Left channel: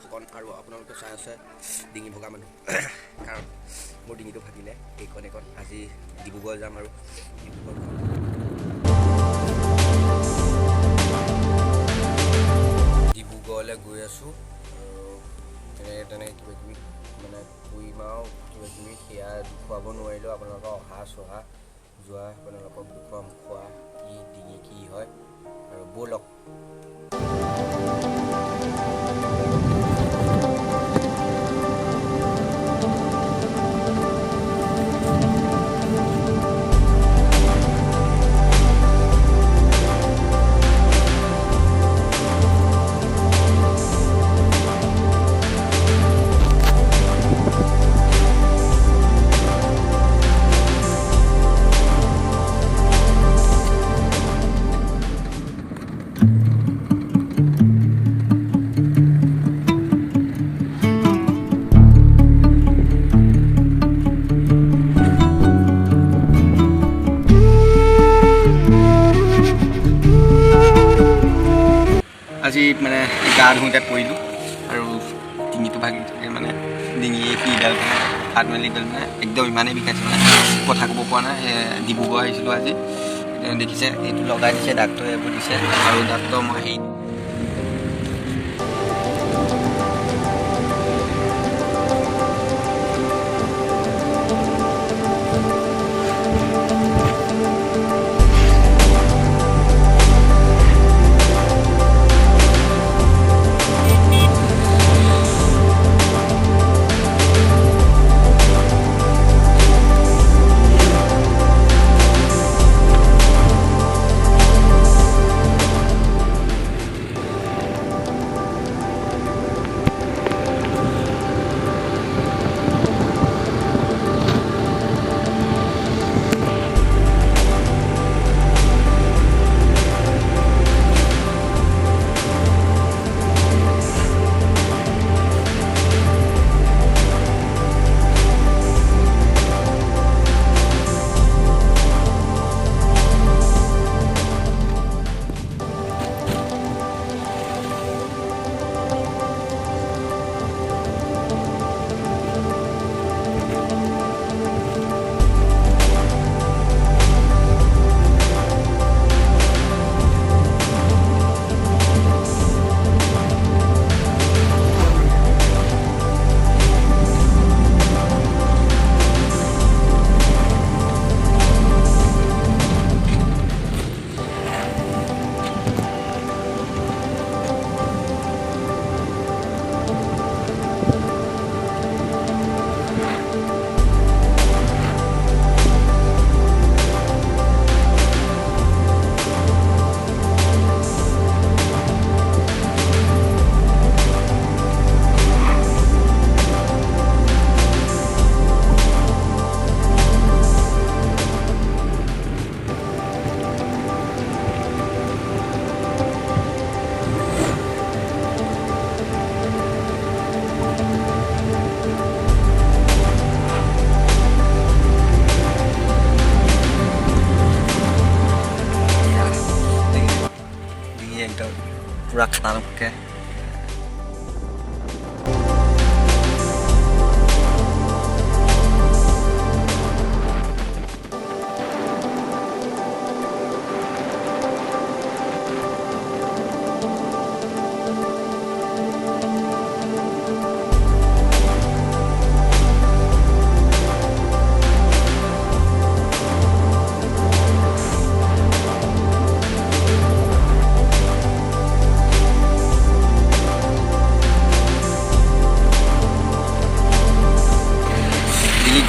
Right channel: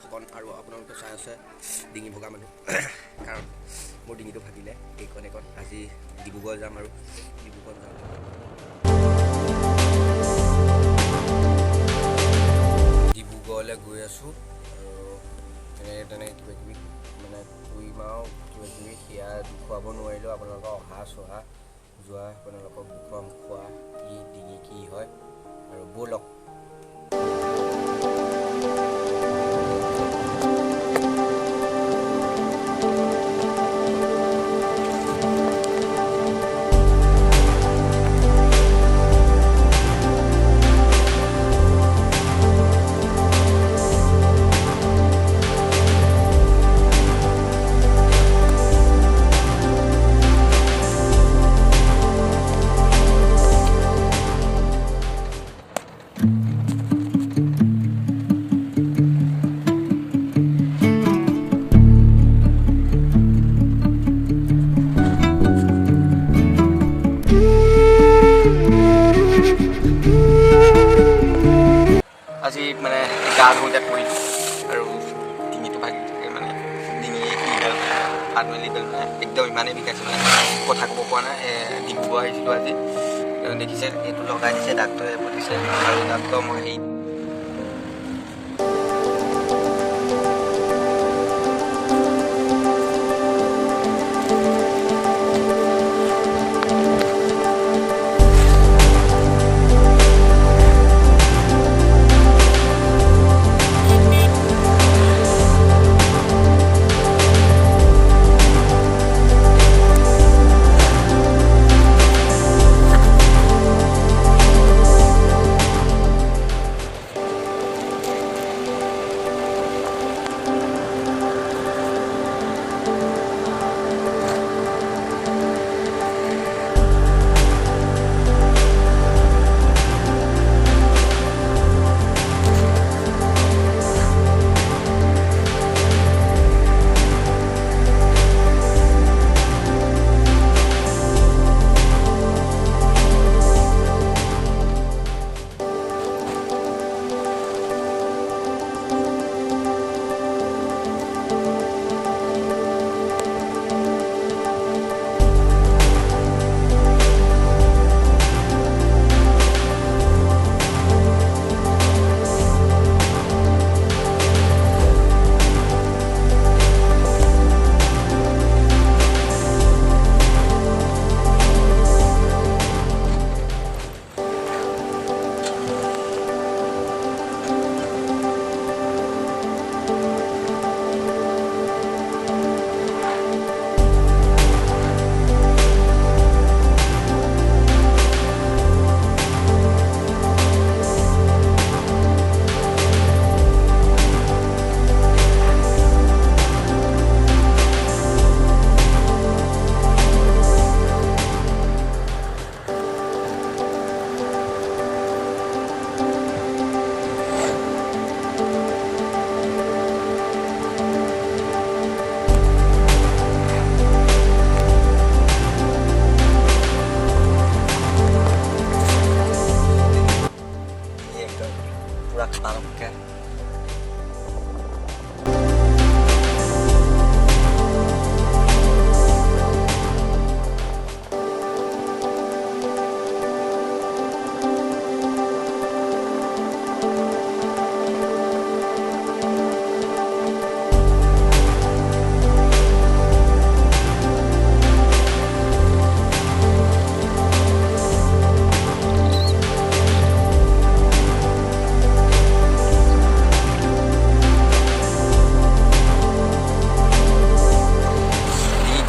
ফুকন আৰু আপোনালোকে চাই আছে ডিঙি ভগা মানুহ কাৰণ মোৰ ডিঙিটো ভাগিলে এইকণ আজি ডিব্ৰুগড় যাম আৰু ডিব্ৰুগড় যাম ডিব্ৰুগড়লৈ গৈ আছোঁ আৰু তেনেকৈ কিবাকিবি মানে ফুৰিম আৰু কিবাকিবি সেয়া দেখুৱাব নোৱাৰিলেও আপোনালোকক অহা চহা যোৱা আপোনালোকক দেখুৱাম খোৱা কি ডিঙি কি হয় আৰু ব'লক আজি মানে গা ধুওঁতে পৰিলোঁ আৰু ডিঙিটো ভাগি থাকে মানে ডিঙিয়ে কিডাল হাত মেলিডাল মানে একদম ইমানেই বিষাইছে মানে কথা ক'ব পৰা নাই ডিব্ৰুগড় আহিছিলোঁ আজি দেখিছে এইটো লগাই দিছে ডাক্তৰে এইবোৰ দিছে আৰু ডাক্তৰ মই হেৰি पूरा खतरनाक है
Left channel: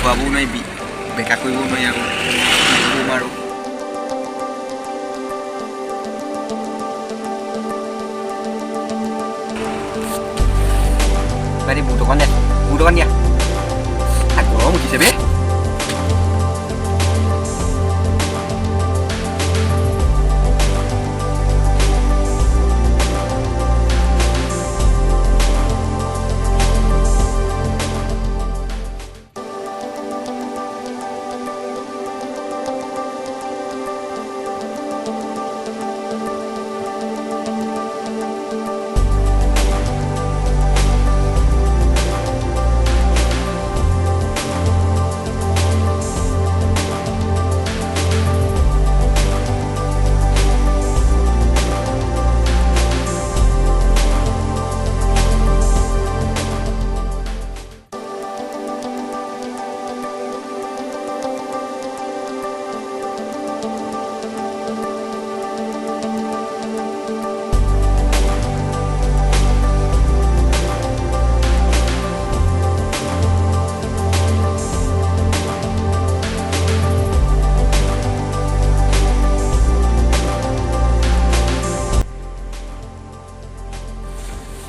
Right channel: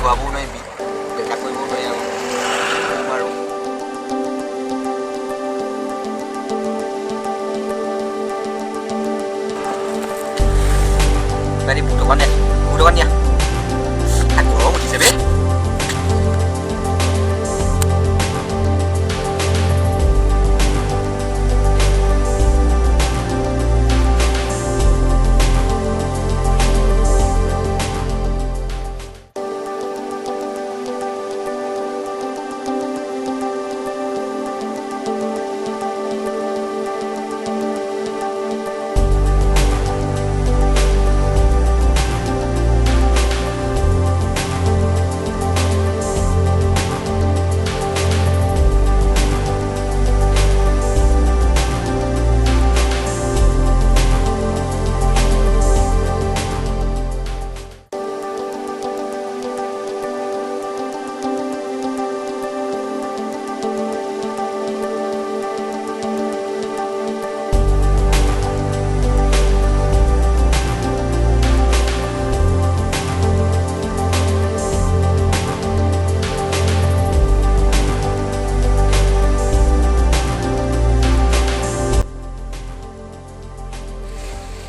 খুৱাবও নোৱাৰি বেকা কৰিবও নোৱাৰি আৰু কম আৰু বুট অকণ দিয়া গৰম উঠিছে বে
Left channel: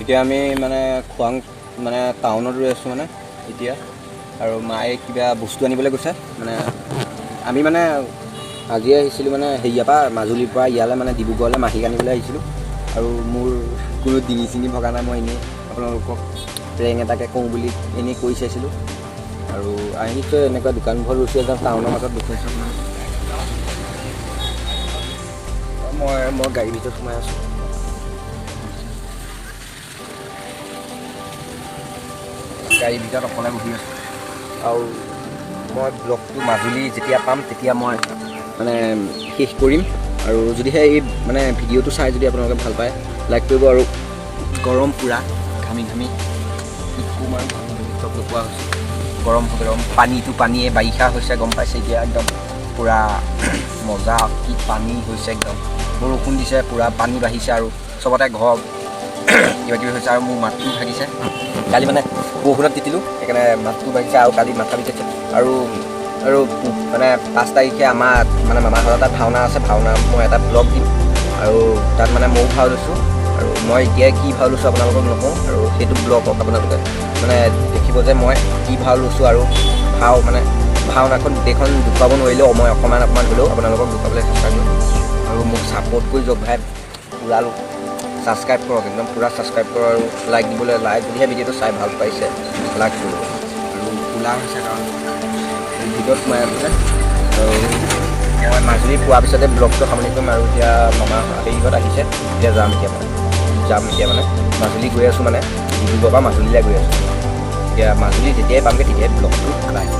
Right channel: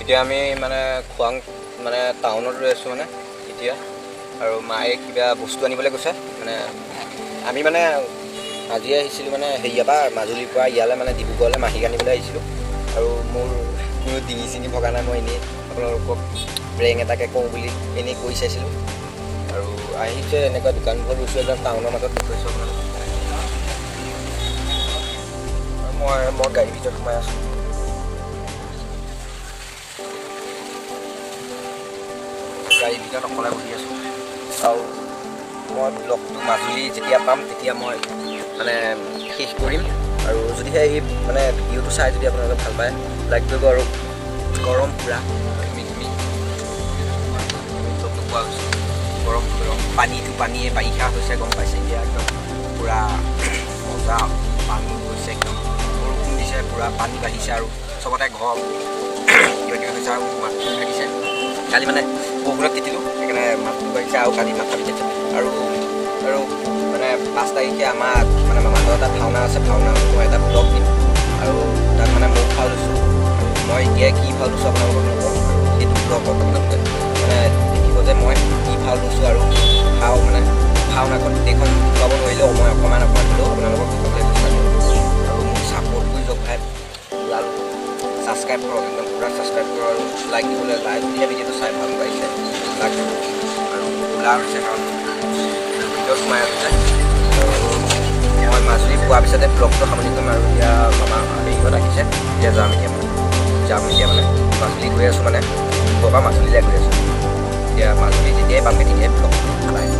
এতিয়া আমি মানে খোৱাং মানে টাউনত ৰৈ আছোঁ মানে এতিয়া, আৰু মায়ে কিবা বস্তু আনিবলৈ গৈছে। মানে আমি মানে আজি আহিছিলোঁ মানে হেৰিয়াৰ পৰা মাজুলীৰ পৰা ইয়ালৈ মানে ডিব্ৰুগড়লৈ মাহীক আনিবলৈ আহিছিলোঁ। আৰু মোৰ কোনো ডিঙি চিঙি ভগা নাই, মই এনেই আপোনালোকক প্ৰেং এটাকে কওঁ বুলি এনেই কৈ চাইছিলোঁ। আৰু আহিছে এনেকুৱা দোকানবোৰ লৈছোঁ, একদম টাউনৰ মাজত দেখুৱাইছোঁ আপোনালোক। মই গাড়ীৰ ভিতৰত সোমাই আছোঁ। গাড়ীৰ ভিতৰত অকলে বহি আছোঁ। আৰু মই ব্লগটো মাজুলী যেতিয়া পাম তেতিয়া মই মানে শেষ কৰিম। আৰু যদিহে এই মানে ভিডিঅ'টো চাই যদি আপোনালোকে ভাল পায় লাইক কৰিব। আৰু গৰম পূৰা ঘামি ঘামি চব নোপোৱা হৈছে, গৰম পানীটো পানীয়ে বাৰিষা হৈছে গম পাইছে এতিয়া একদম পূৰা মজা কি পানী হৈছে, একদম বৰষুণ দিছে, পূৰা পানী বাঢ়িছে আৰু চবতে ঘৰ কিবা কিবি হৈছে। আৰু মোৰ মাতটো ভাগিছে, কালি মানে বৰষুণত তিতিলোঁ সেইকাৰণে মাতটো বাঢ়িছে আৰু কালি মাথা বিষাইছে। আৰু মানে 5 তাৰিখে আমাৰ মানে মামাহঁতৰ তাত ভাওনা আছে, ভাওনা মই এটা ব্লগ দিম। আৰু তাত মানে ময়ো ভাও লৈছোঁ, আৰু মই এতিয়া কি ভাও লৈছোঁ আপোনালোকক নকওঁ। আৰু সেইটো ব্লগক আপোনালোকে মানে দেখিব যে মই কি ভাও লৈছোঁ। আৰু মানে ভাওনাখন গোটেইখন দেখুৱাব নোৱাৰিলেও মই অকণমান হ'লেও আপোনালোকক দেখুৱাবলৈ চেষ্টা কৰিম। আৰু মোক ছাপোৰ্ট কৰি যাওক ভাই, পূৰা ছাবস্ক্ৰাইব কৰক, একদম পূৰা ছাবস্ক্ৰাইব কৰক। আৰু লাইক দিবলৈ যদিহে ভিডিঅ'টো চাই ভাল পাইছে লাইক কৰিব। আৰু ওলা হৈছে কাৰণ ভিডিঅ'ত সোমাই আছে যে। আৰু মই মাজুলী পোৱাৰ পিছতে ব্লগটো সামৰি কৰিম। আৰু এতিয়া মামা হেৰিহঁত আহিছে, এতিয়া যাম এতিয়া মানে মাজুলী গৈ আছোঁ, মানে ডিব্ৰুগড়ৰ পৰা মাজুলীলৈ গৈ আছোঁ। এতিয়া মাজুলী যেতিয়াই পামগৈ তেতিয়াই ব্লগটো আদায়।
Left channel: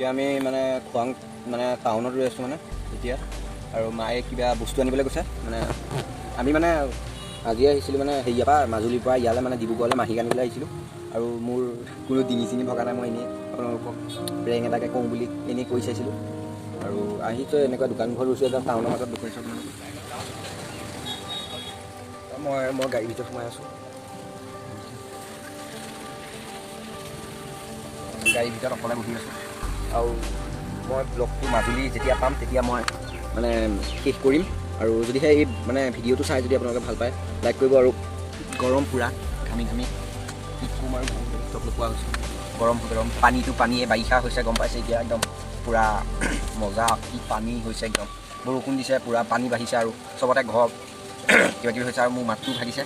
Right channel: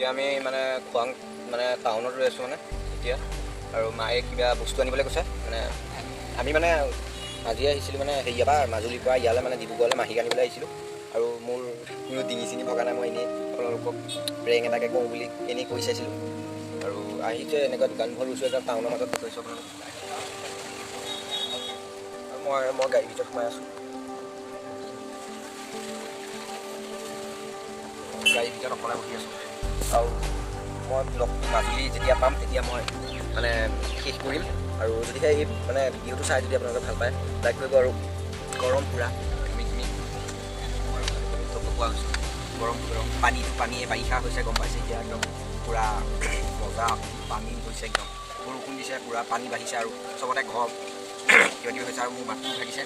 এতিয়া আমি মানে খোৱাং মানে টাউনত ৰৈ আছোঁ মানে এতিয়া, আৰু মায়ে কিবা বস্তু আনিবলৈ কৈছে। মানে আমি মানে আজি আহিছিলোঁ মানে হেৰিয়াৰ পৰা মাজুলীৰ পৰা ইয়ালৈ মানে ডিব্ৰুগড়লৈ মাহীক আনিবলৈ আহিছিলোঁ। আৰু মোৰ কোনো ডিঙি চিঙি ভগা নাই, মই এনেই আপোনালোকক প্ৰেং এটাকে কওঁ বুলি এনেই কৈ চাইছিলোঁ। আৰু আহিছে এনেকুৱা দোকানঘৰ লৈছোঁ, একদম টাউনৰ মাজত দেখুৱাইছোঁ আপোনালোকক। মই গাড়ীৰ ভিতৰত সোমাই আছোঁ, গাড়ীৰ ভিতৰত অকলে বহি আছোঁ। আৰু মই ব্লগটো মাজুলী যেতিয়া পাম তেতিয়া মই মানে শেষ কৰিম। আৰু যদিহে এই মানে ভিডিঅ'টো চাই যদি আপোনালোকে ভাল পায় লাইক কৰিব। আৰু গৰম পূৰা ঘামি ঘামি কি ক'ম আৰু লগ পোৱা হৈছোঁ, গৰম পানীটো পানীয়ে বাৰিষা হৈছে গম পাইছে এতিয়া, একদম পূৰা মজা কি পানী হৈছে, একদম বৰষুণ দিছে, পূৰা পানী বাঢ়িছে আৰু চবতে ঘৰ কিবা কিবি হৈছে। আৰু মোৰ মাতটো ভাগিছে,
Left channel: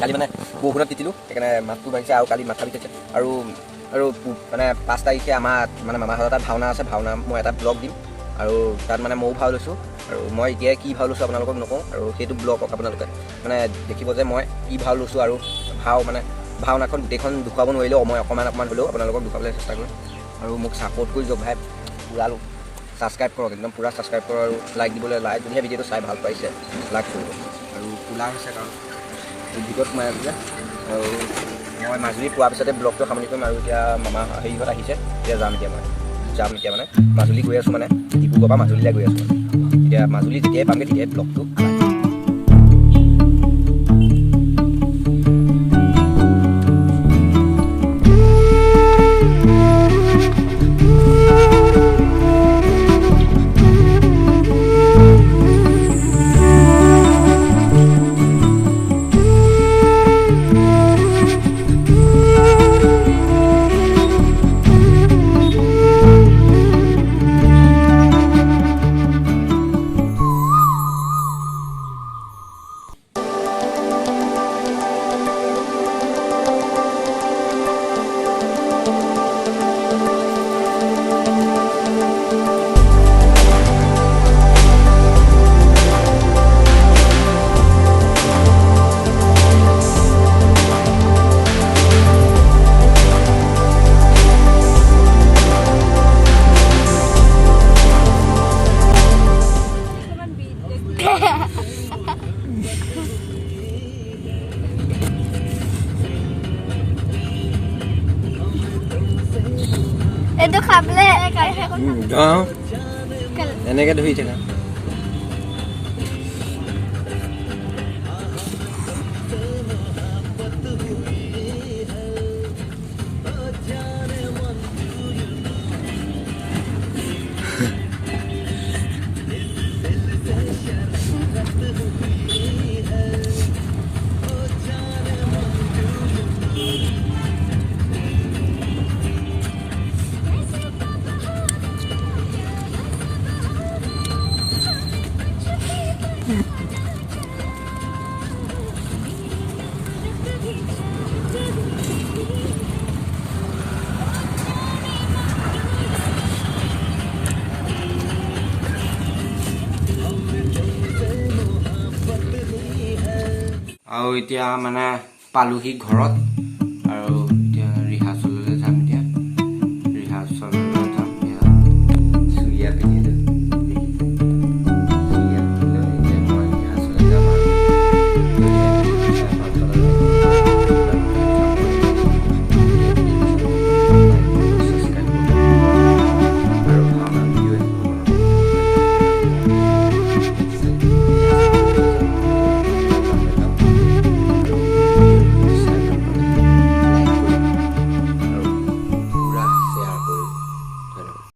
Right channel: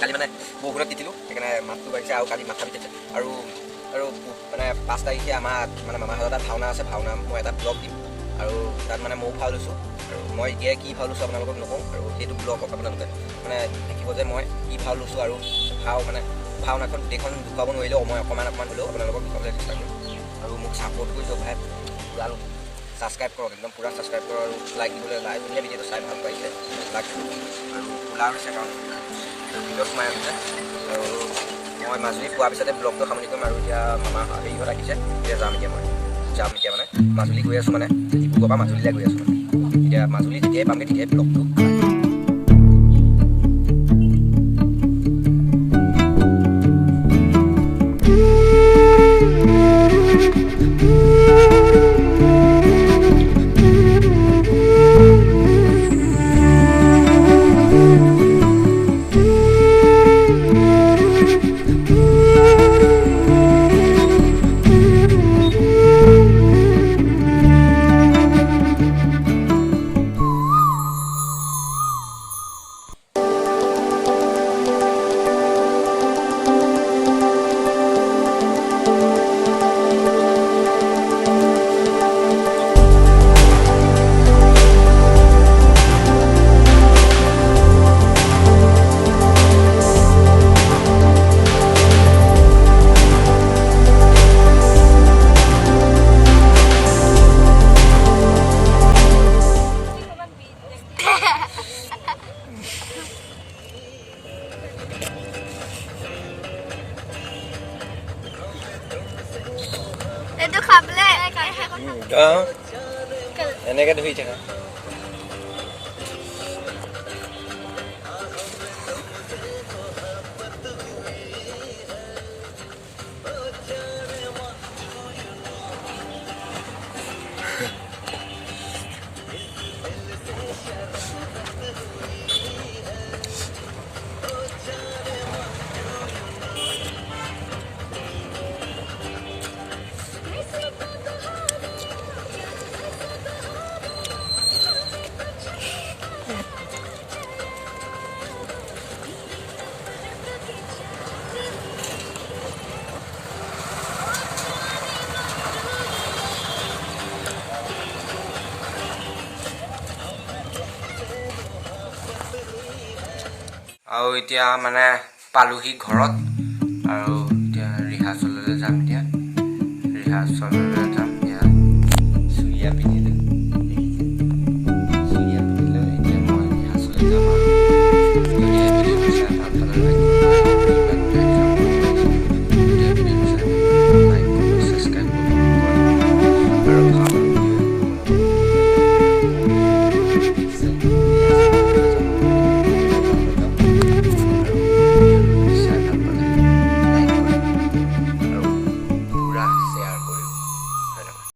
কালি মানে বৰষুণত তিতিলোঁ সেইকাৰণে মাতটো ভাগিছে। আৰু কালি মাথা বিষাইছে। আৰু মানে 5 তাৰিখে আমাৰ মানে মামাহঁতৰ তাত ভাওনা আছে, ভাওনা মই এটা ব্লগ দিম। আৰু তাত মানে ময়ো ভাও লৈছোঁ। আৰু মই এতিয়া কি ভাও লৈছোঁ আপোনালোকক নকওঁ, আৰু সেইটো ব্লগক আপোনালোকে মানে দেখিব যে মই কি ভাও লৈছোঁ। আৰু মানে ভাওনাখন গোটেইখন দেখুৱাব নোৱাৰিলেও মই অকণমান হ'লেও আপোনালোকক দেখুৱাবলৈ চেষ্টা কৰিম। আৰু মোক ছাপোৰ্ট কৰি যাওক ভাই, পূৰা ছাবস্ক্ৰাইব কৰক, একদম পূৰা ছাবস্ক্ৰাইব কৰক। আৰু লাইক দিবলৈ যদিহে ভিডিঅ'টো চাই ভাল পাইছে লাইক কৰিব। আৰু কোলা হৈছে কাৰণ ভিডিঅ'ত সোমাই আছোঁ যে। আৰু মই মাজুলী পোৱাৰ পিছতে ব্লগটো সামৰি কৰিম। আৰু এতিয়া মামা হেৰিহঁত আহিছে, এতিয়া যাম এতিয়া মানে মাজুলী গৈ আছোঁ, মানে ডিব্ৰুগড়ৰ পৰা মাজুলীলৈ গৈ আছোঁ। মানে এতিয়া মাজুলী যেতিয়াই পামগৈ তেতিয়াই ব্লগটো itu kable এনেকৈ ধৰি থাকা। আৰু এতিয়া মানে পালোহি ঘৰত, আৰু এতিয়া ৰিহাৰ্চেললৈ যাম। এতিয়া ৰিহাৰ্চেল